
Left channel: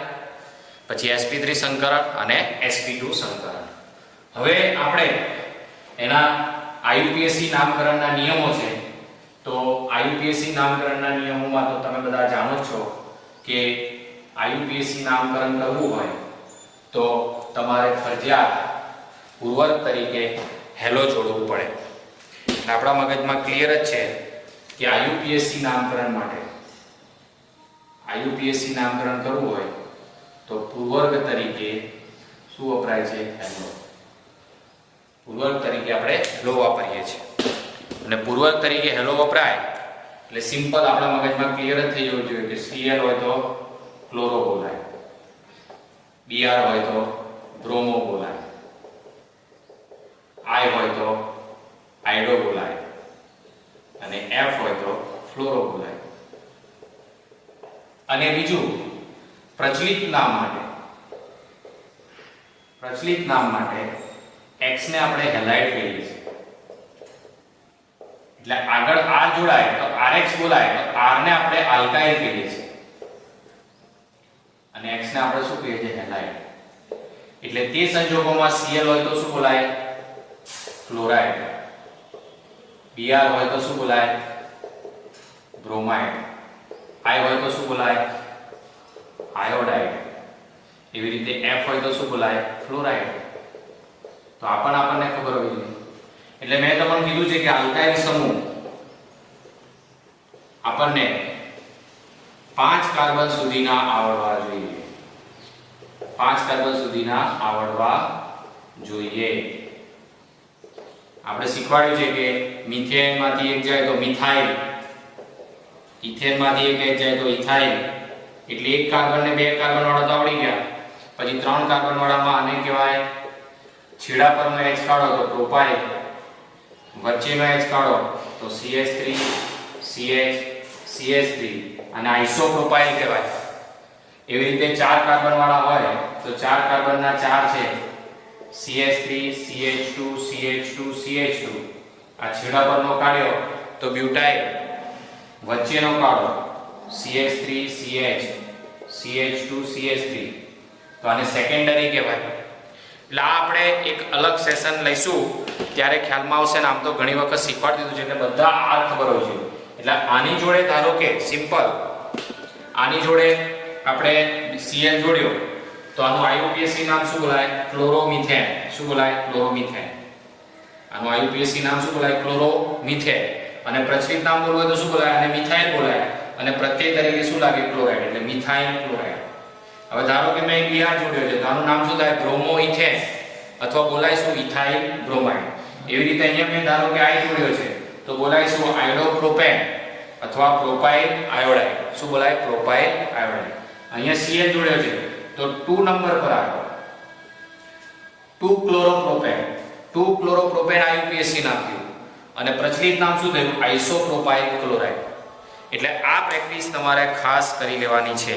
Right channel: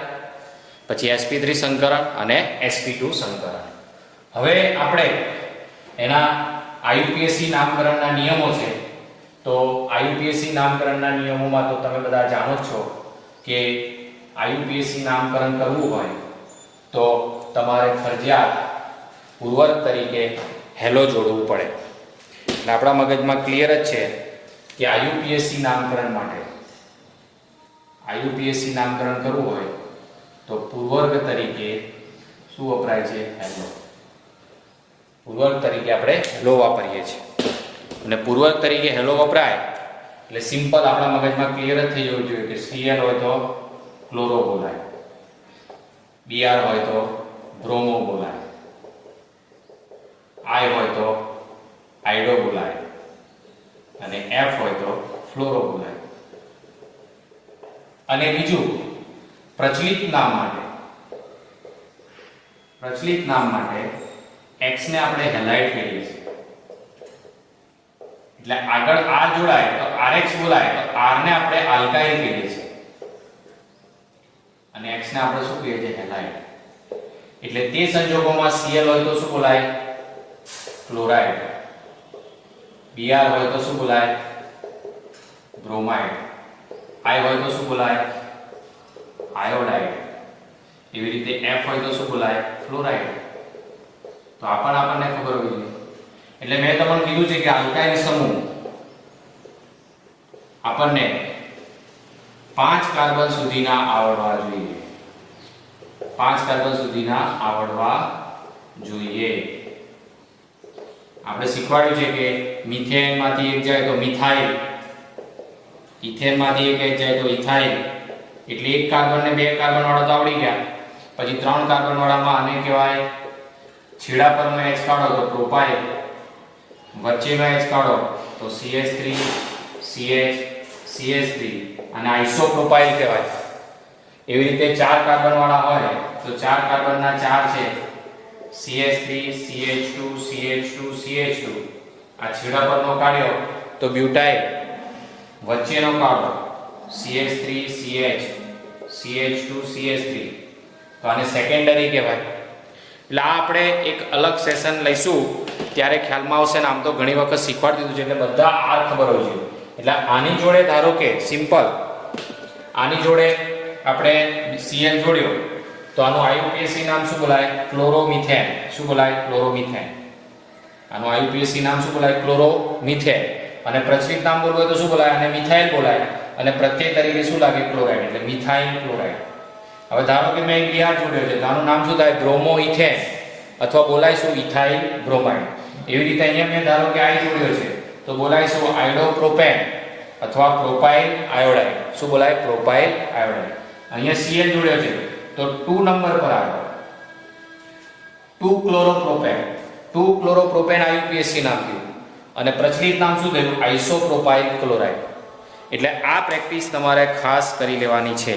પછી sp3 સંકરણ અને sp2 સંકરણ. હવે આપણે એના IUPAC નામકરણના નિયમો છે. તો IUPAC નામકરણના નિયમોમાં તો તમે બધા જાણો જ છો કે IUPAC નામકરણ કરવું હોય તો તમારે ફરજિયાત પૂર્વક તરીકે હેલો જોડવું પડે. એટલે આપણા મગજમાં ક્લિયર જ છે કે IUPAC નામકરણ માટે IUPAC નામકરણ કરવું હોય તો પૂર્વર્ગ તરીકે શું વપરાય છે? હેલો. પૂર્વક તરીકે આપણે હેલો વાપરીએ છીએ. અને પૂર્વક તરીકે હેલો વપરાય એટલે સિમ્પલ આપણા મગજમાં ક્લિયર જ થઈ જવું જોઈએ કે Cl હોય તો ક્લોરો બોલાય, Br હોય તો બ્રોમો બોલાય, I હોય તો આઇડો બોલાય અને F હોય તો ફ્લોરો બોલાય. અને બીજું પ્રચલિત નામ માટે X ને આપણે હેલાઇડ કહીએ છીએ. એટલે આગળ R જોડાય તો RX બોલાય, તો R ને આપણે આલ્કાઇલ કહીએ છીએ અને X ને આપણે શું કહીએ છીએ? હેલાઇડ. એટલે તે સંજોગોમાં Cl હોય તો શું બોલાય? ક્લોરાઇડ. Br હોય તો શું બોલાય? બ્રોમાઇડ. I હોય તો શું બોલાય? આયોડાઇડ. એવી રીતે F હોય તો શું બોલાય? ફ્લોરાઇડ. તો આપણને ખબર હોવી જોઈએ. એટલે મેં તમને કીધું છે કે આલ્કાઇલ સમૂહ આપણને 5 કાર્બન સુધીના આવડવા જોઈએ. 5 કાર્બન સુધીના આવડવા જોઈએ. આપણે શીખવાડ્યું છે કે મિથેન માંથી એક જાય તો મિથાઇલ, ઇથેન માંથી એક જાય તો ઇથાઇલ. એટલે એક કાર્બન ને 2 કાર્બન વાળા તો આવડી ગયા. પછી 3 કાર્બન વાળામાં આને કહેવાય છેડા પરનો H કાઢો તો પ્રોપાઇલ, વચ્ચેનો H કાઢો તો CH3 CH CH3 અને આઇસોપ્રોપાઇલ કહેવાય. એવી રીતે 4 કાર્બન વાળા હોય તો 4 કાર્બનના 4 છે CH3 CH2 CH2 CH2. આ છેડા પરનો કાઢ્યો તો બ્યુટાઇલ, વચ્ચેનો કાઢો CH3 CH CH2 CH3. તો આની સેકન્ડરી કહેવાય. એટલે આ આપણે એક અલગ સેશન લઈશું ત્યારે ખ્યાલમાં આવશે ને. આમ તો ઘણી વખત શીખવાડી દીધું છે એટલે બધા આ ખબર હોવી જોઈએ. એટલે આની જોડે ધારો કે સિમ્પલ આની જોડે આપણે Cl જોડ્યો તો આનું IUPAC નામ શું બોલાય? ક્લોરોમિથેન. શું બોલાય? ક્લોરોમિથેન. આનું IUPAC નામ શું બોલાય? ક્લોરોમિથેન. અને પ્રચલિત નામ બોલવું હોય તો શું બોલાય? અને મિથાઇલ બોલાય. અને પ્રત્યય તરીકે શું લાગે? ક્લોરાઇડ. એટલે મિથાઇલ ક્લોરાઇડ. હવે ધારો કે મેં Br જોડ્યો છે તો આનું નામ શું થાય? બ્રોમોઇથેન અથવા બોલાય શું? Ethyl bromide. એવી રીતે અહીંયા મેં ધારો કે I જોડ્યો છે તો બોલાય શું? આઇડોપ્રોપેન અથવા પ્રોપાઇલ આયોડાઇડ. શું બોલાય? Propyl iodide. અહીંયા Cl જોડ્યો છે તો 2 નંબર પર આવે 2 ક્લોરોપ્રોપેન. 2 ક્લોરોપ્રોપેન IUPAC નાખ્યું અને પ્રચલિત નામ શું થયું? આઇસોપ્રોપાઇલ ક્લોરાઇડ. એટલે આ પ્રેક્ટિસ તમારે ખાસ કરી લેવાની છે.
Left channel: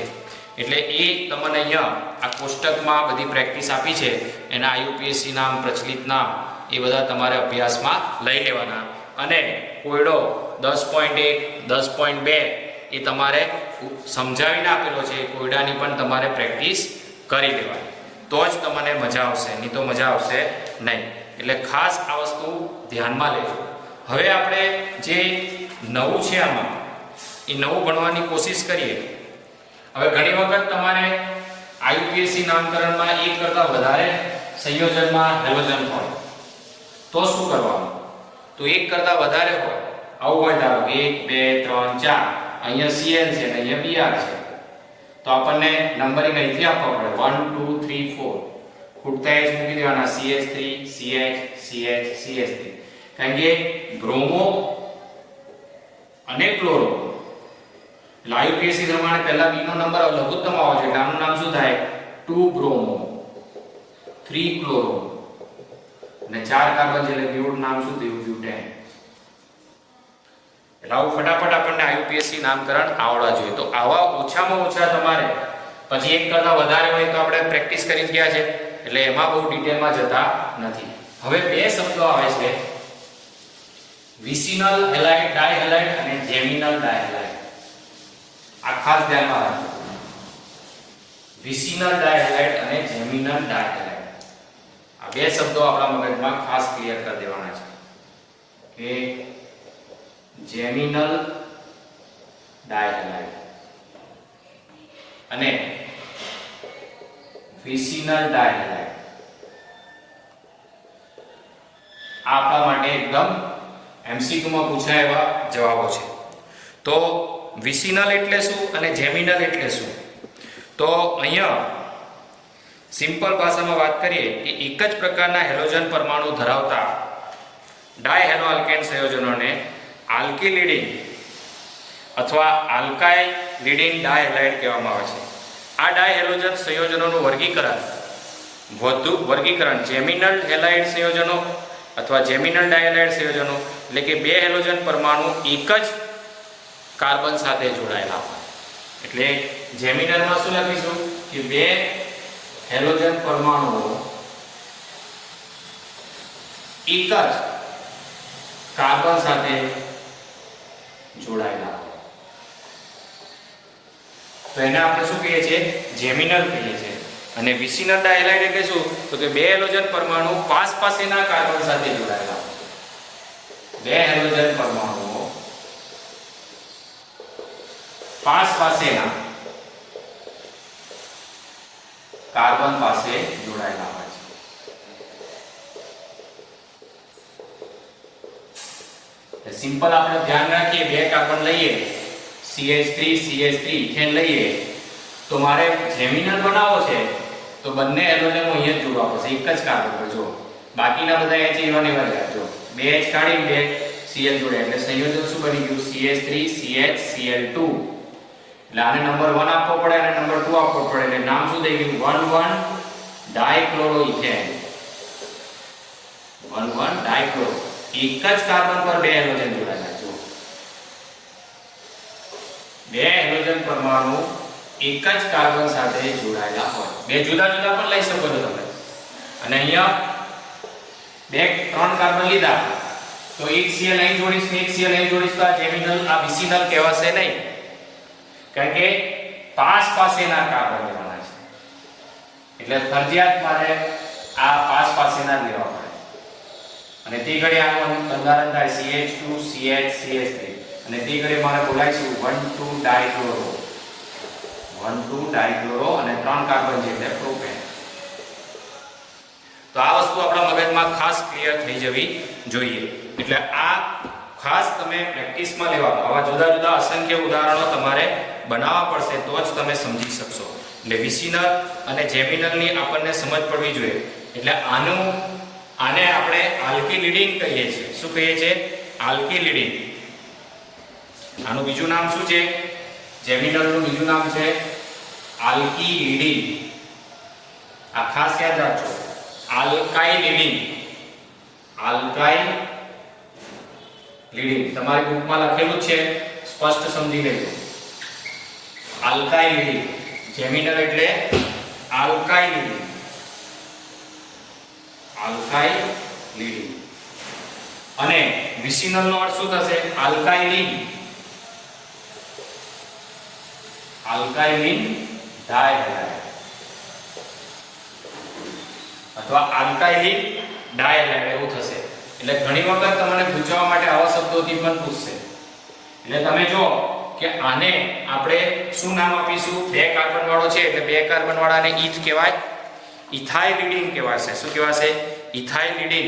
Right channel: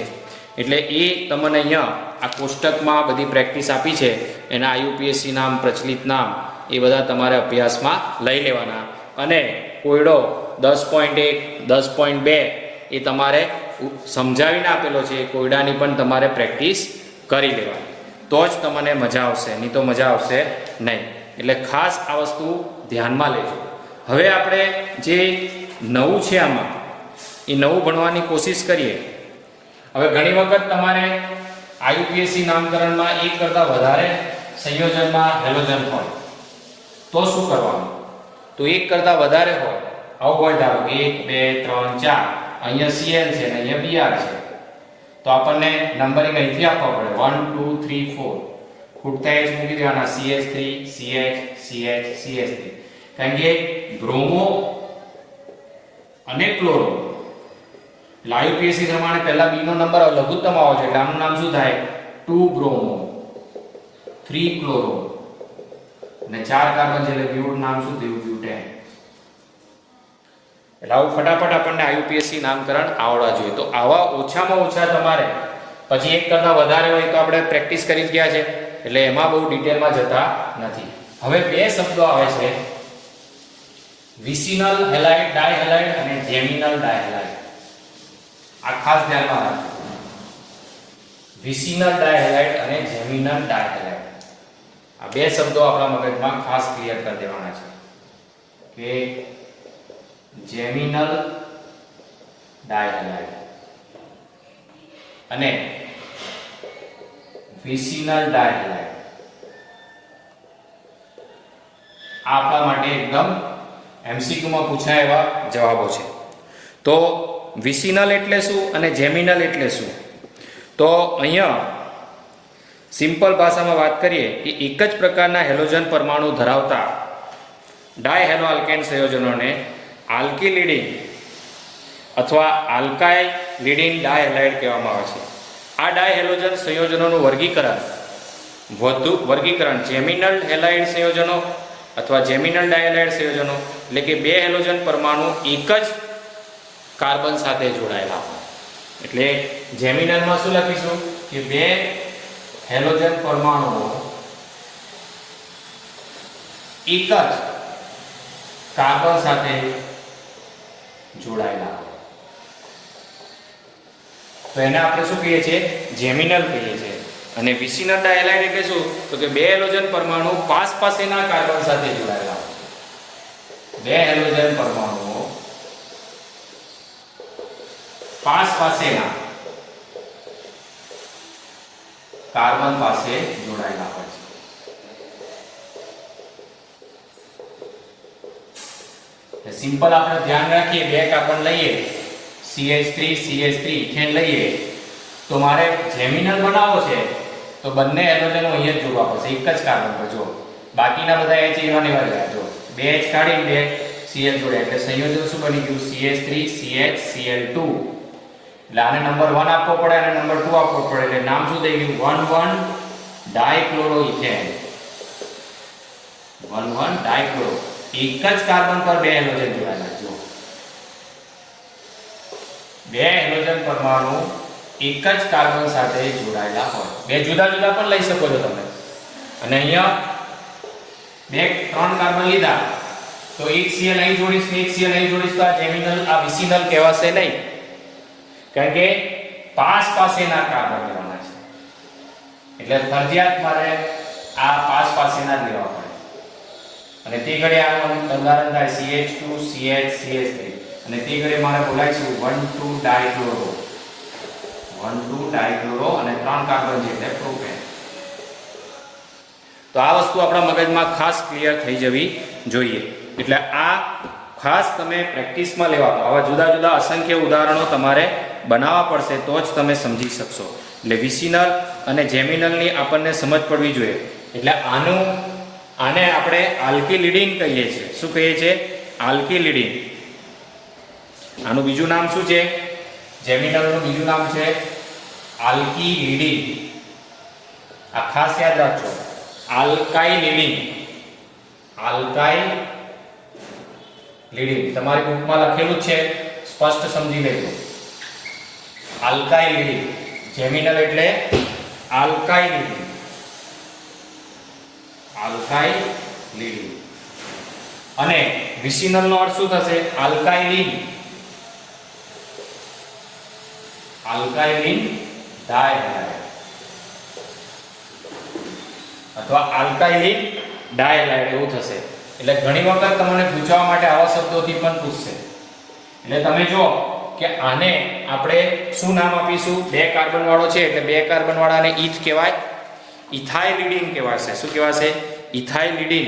એટલે એ તમને અહીંયા આ કોષ્ટકમાં બધી પ્રેક્ટિસ આપી છે એના IUPAC નામ, પ્રચલિત નામ એ બધા તમારે અભ્યાસમાં લઈ લેવાના. અને કોયડો 10.1 10.2 એ તમારે સમજાવીને આપેલો છે. એ કોયડાની પણ તમારે પ્રેક્ટિસ કરી લેવાની. તો જ તમને મજા આવશે, નહીં તો મજા આવશે નહીં. એટલે ખાસ આ વસ્તુ ધ્યાનમાં લેજો. હવે આપણે જે નવું છે આમાં એ નવું ભણવાની કોશિશ કરીએ. હવે ઘણી વખત તમારે IUPAC નામકરણમાં એક કરતાં વધારે સંયોજનમાં હેલોજન હોય તો શું કરવાનું? તો એક કરતાં વધારે હોય, આવું હોય ધારો કે 1 2 3 4, અહીંયા Cl છે અને અહીંયા Br છે તો આપણને નંબરિંગ અહીંથી આપવા પડે 1 2 3 4. ખૂટતા H મૂકી દેવાના CH3 CH CH કારણ કે બ્રોમો અને ક્લોરો IUPAC પ્રમાણે પહેલા B નો નંબર લઘુત્તમ આવે છે એટલે આનું નામ શું થાય 2 બ્રોમો 3 ક્લોરો અને 4 કાર્બન છે એટલે બ્યુટ નામ શું થયું બ્યુટેન. એટલે આવું ફટાફટ આપણને IUPAC નામકરણ આવડવા જોઈએ. તો આવા ઓછામાં ઓછા તમારે પછી એક કરતા વધારે હોય તો આપણે પ્રેક્ટિસ કરી ગયા છે એટલે એમાં બહુ ડિટેલમાં જતા નથી. હવે બે શબ્દો આવે છે વિસિનલ હેલાઇડ ડાયહેલાઇડ અને જેમિનલ ડાયહેલાઇડ. આ ખાસ ધ્યાનમાં રાખજો. વિસિનલ ડાયહેલાઇડ અને જેમિનલ ડાયહેલાઇડ આ બે શબ્દો આપણા મગજમાં ખાસ ક્લિયર કરી દેવાના છે કે જેમિનલ ડાયહેલાઇડ અને વિસિનલ ડાયહેલાઇડ આ આપણા માટે એકદમ MCQ માં પૂછાય એવા જવાબો છે. તો વિસિનલ એટલે શું અને જેમિનલ એટલે શું? તો અહીંયા સિમ્પલ ભાષામાં વાત કરીએ કે એક જ પ્રકારના હેલોજન પરમાણુ ધરાવતા ડાયહેલોઆલ્કેન સંયોજનોને આલ્કિલિડીન અથવા આલ્કાઇલિડીન ડાયહેલાઇડ કહેવામાં આવે છે. આ ડાયહેલોજન સંયોજનોનું વર્ગીકરણ જેમિનલ હેલાઇડ સંયોજનો અથવા જેમિનલ ડાયહેલાઇડ સંયોજનો એટલે કે બે હેલોજન પરમાણુ એક જ કાર્બન સાથે જોડાયેલા હોય. એટલે જેમિનલમાં શું લખીશું કે બે હેલોજન પરમાણુઓ એક જ કાર્બન સાથે જોડાયેલા હોય. તો એને આપણે શું કહીએ છીએ જેમિનલ કહીએ છીએ. અને વિસિનલ ડાયહેલાઇડ એટલે શું તો કે બે હેલોજન પરમાણુ પાસેના કાર્બન સાથે જોડાયેલા હોય. બે હેલોજન પરમાણુઓ પાસેના કાર્બન પાસે જોડાયેલા હોય છે. સિમ્પલ આપણે ધ્યાન રાખીએ બે કાર્બન લઈએ CH3 ઇથેન લઈએ તો મારે જેમિનલ બનાવવો છે તો બંને હેલોજનો અહીંયા જ જોડવા પડશે એક જ કાર્બન પર. જો બાકીના બધા H એવા ને એવા રહ્યા. જો બે H કાઢીને બે Cl જોડ્યા એટલે સંયોજન શું બની ગયું CH3 CHCl2. એટલે આને નંબર 1 આપવો પડે અને નંબર 2 આપવો પડે એટલે નામ શું થઈ ગયું 1,1 ડાયક્લોરોઇથેન. 1,1 ડાયક્લોરો એક જ કાર્બન પર બે હેલોજન જોડાયેલા. જો બે હેલોજન પરમાણુ એક જ કાર્બન સાથે જોડાયેલા હોય. બે જુદા જુદા પણ લઈ શકો છો તમે. અને અહીંયા બે 3 કાર્બન લીધા તો એક Cl અહીં જોડીશ ને એક Cl અહીં જોડીશ તો આ જેમિનલ આ વિસિનલ કહેવાશે નહીં. કારણ કે પાસેના કાર્બન લેવાના છે એટલે ફરજિયાત મારે આ પાસેના જ લેવા પડે. અને તે ઘડી આનું બંધારણ થાય CH2 CH3 અને તે ઘડી મારે બોલાઈશું 1,2 ડાયક્લોરો 1,2 ડાયક્લોરો અને 3 કાર્બન છે એટલે પ્રોપેન. તો આ વસ્તુ આપણા મગજમાં ખાસ ક્લિયર થઈ જવી જોઈએ. એટલે આ ખાસ તમે પ્રેક્ટિસમાં લેવાનું. આવા જુદા જુદા અસંખ્ય ઉદાહરણો તમારે બનાવવા પડશે તો જ તમે સમજી શકશો. એટલે વિસિનલ અને જેમિનલની આપણને સમજ પડવી જોઈએ. એટલે આને આપણે આલ્કિલિડીન કહીએ છીએ. શું કહીએ છીએ આલ્કિલિડીન. આનું બીજું નામ શું છે જેમિનલનું બીજું નામ છે આલ્કિલિડીન. આ ખાસ યાદ રાખજો આલ્કાઇલિડીન. આલ્કાઇલિડીન તમારી બુકમાં લખેલું છે સ્પષ્ટ સમજી લેજો. આલ્કાઇલિડીન જેમિનલ એટલે આલ્કાઇલિડીન. આલ્કાઇલિડીન અને વિસિનલ નો અર્થ શું થશે આલ્કાઇલિન. આલ્કાઇલિન ડાયહેલાઇડ અથવા આલ્કાઇલિન ડાયહેલાઇડ એવું થશે. એટલે ઘણી વખત તમને પૂછવા માટે આવા શબ્દોથી પણ પૂછશે. એટલે તમે જો કે આને આપણે શું નામ આપીશું બે કાર્બન વાળો છે એટલે બે કાર્બન વાળાને ઈ જ કહેવાય ઇથાઇલિડીન કહેવાશે. શું કહેવાશે ઇથાઇલિડીન.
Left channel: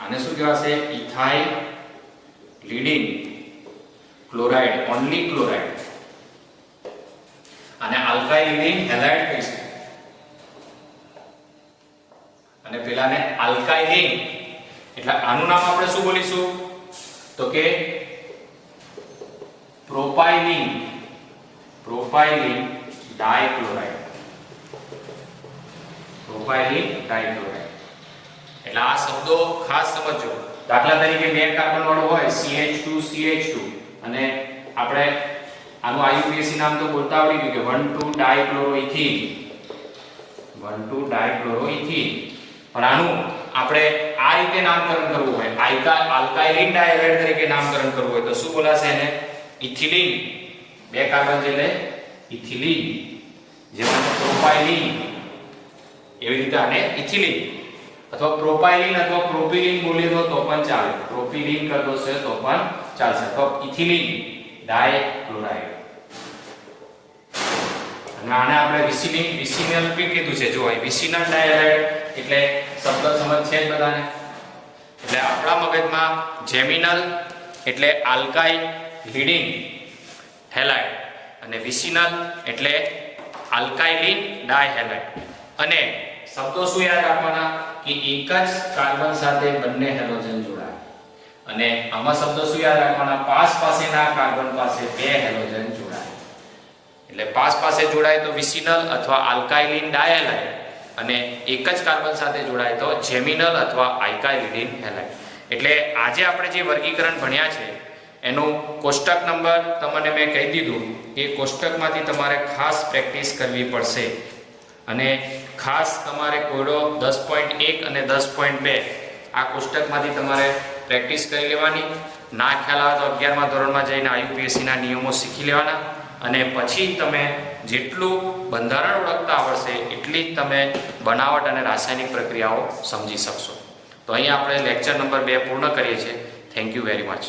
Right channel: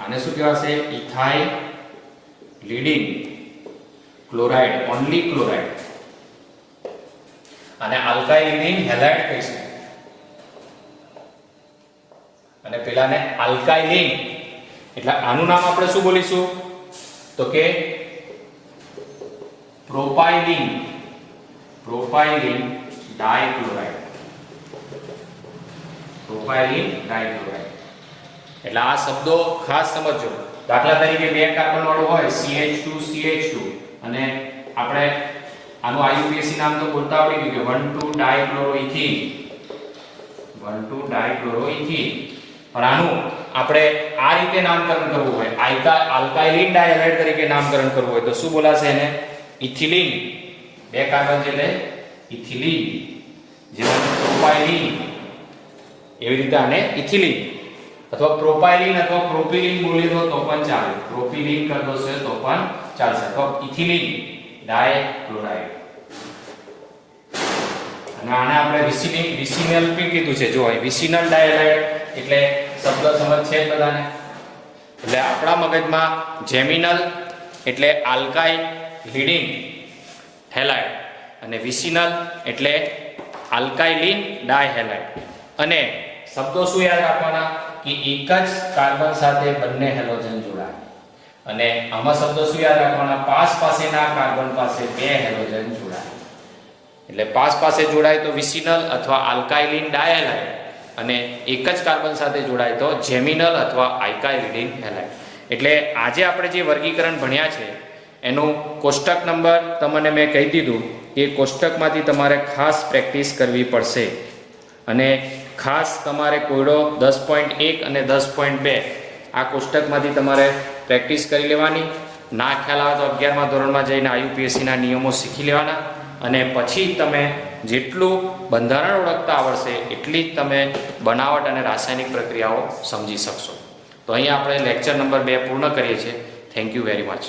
આને શું કહેવાશે ઇથાઇલિડીન ક્લોરાઇડ ઓન્લી ક્લોરાઇડ. અને આલ્કાઇલિન હેલાઇડ કહીશું. અને પેલાને આલ્કાઇલિન. એટલે આનું નામ આપણે શું બોલીશું તો કે પ્રોપાઇલિન. પ્રોપાઇલિન ડાયક્લોરાઇડ. પ્રોપાઇલિન ડાયક્લોરાઇડ. એટલે આ શબ્દો ખાસ સમજો. દાખલા તરીકે બે કાર્બન વાળું હોય CH2 અને આપણે આનું IUPAC નામ તો બોલતા આવડી ગયું કે 1,2 ડાયક્લોરોઇથિન. 1,2 ડાયક્લોરોઇથિન. પણ આનું આપણે આ રીતે નામકરણ કરવું હોય, આલ્કાઇલિન ડાયહાઇડ તરીકે નામકરણ કરવું હોય તો શું બોલાશે એને? ઇથિલિન. બે કાર્બન છે એટલે ઇથિલિન. જેમાં પ્રોપાઇલિન, એવી રીતે આને ઇથિલિન અથવા પ્રોપાઇલિન અથવા પ્રોપિલિન બોલી દો તો પણ ચાલે. પ્રોપિલિન કરી દો તો પણ ચાલશે. તો ઇથિલિન ડાયક્લોરાઇડ. અને આને આપણે વિસિનલ પણ કીધું છે. જો વિસિનલ ડાયહાઇડ એટલે શબ્દ સમજ છે બધાને. એટલે આપણા મગજમાં જેમિનલ એટલે આલ્કાઇલ લીડિંગ હેલાઇડ અને વિસિનલ એટલે આલ્કાઇલિન ડાયહેલાઇડ. અને શબ્દો શું યાદ રાખવાના કે એક જ કાર્બન સાથે બંને હેલોજન જોડાય. અને આમાં શબ્દો શું યાદ રાખવાના? પાસ પાસેના કાર્બન પાસે બે હેલોજન જોડાય. એટલે પાસ પાસે જોડાય તો વિસિનલ અથવા આલ્કાઇલિન ડાયહેલાઇડ અને એક જ કાર્બન સાથે જોડાય તો જેમિનલ અથવા આલ્કાઇલિન હેલાઇડ. એટલે આજે આપણે જે વર્ગીકરણ ભણ્યા છે એનું કોષ્ટક નંબર તમને મેં કહી દીધું કે કોષ્ટકમાંથી તમારે ખાસ પ્રેક્ટિસ કરવી પડશે. અને ખાસ તમારે કોયડો 10.1 અને 10.2 આ કોષ્ટકમાંથી તમારે પ્રેક્ટિસ કરી લેવાની. ના ખ્યાલ આવે તો 11મા ધોરણમાં જઈને IUPACના નિયમો શીખી લેવાના. અને પછી તમે જેટલું બંધારણ ઓળખતા આવડશે એટલી જ તમે બનાવટ અને રાસાયણિક પ્રક્રિયાઓ સમજી શકશો. તો અહીં આપણે લેક્ચર નંબર 2 પૂર્ણ કરીએ છીએ. Thank you very much.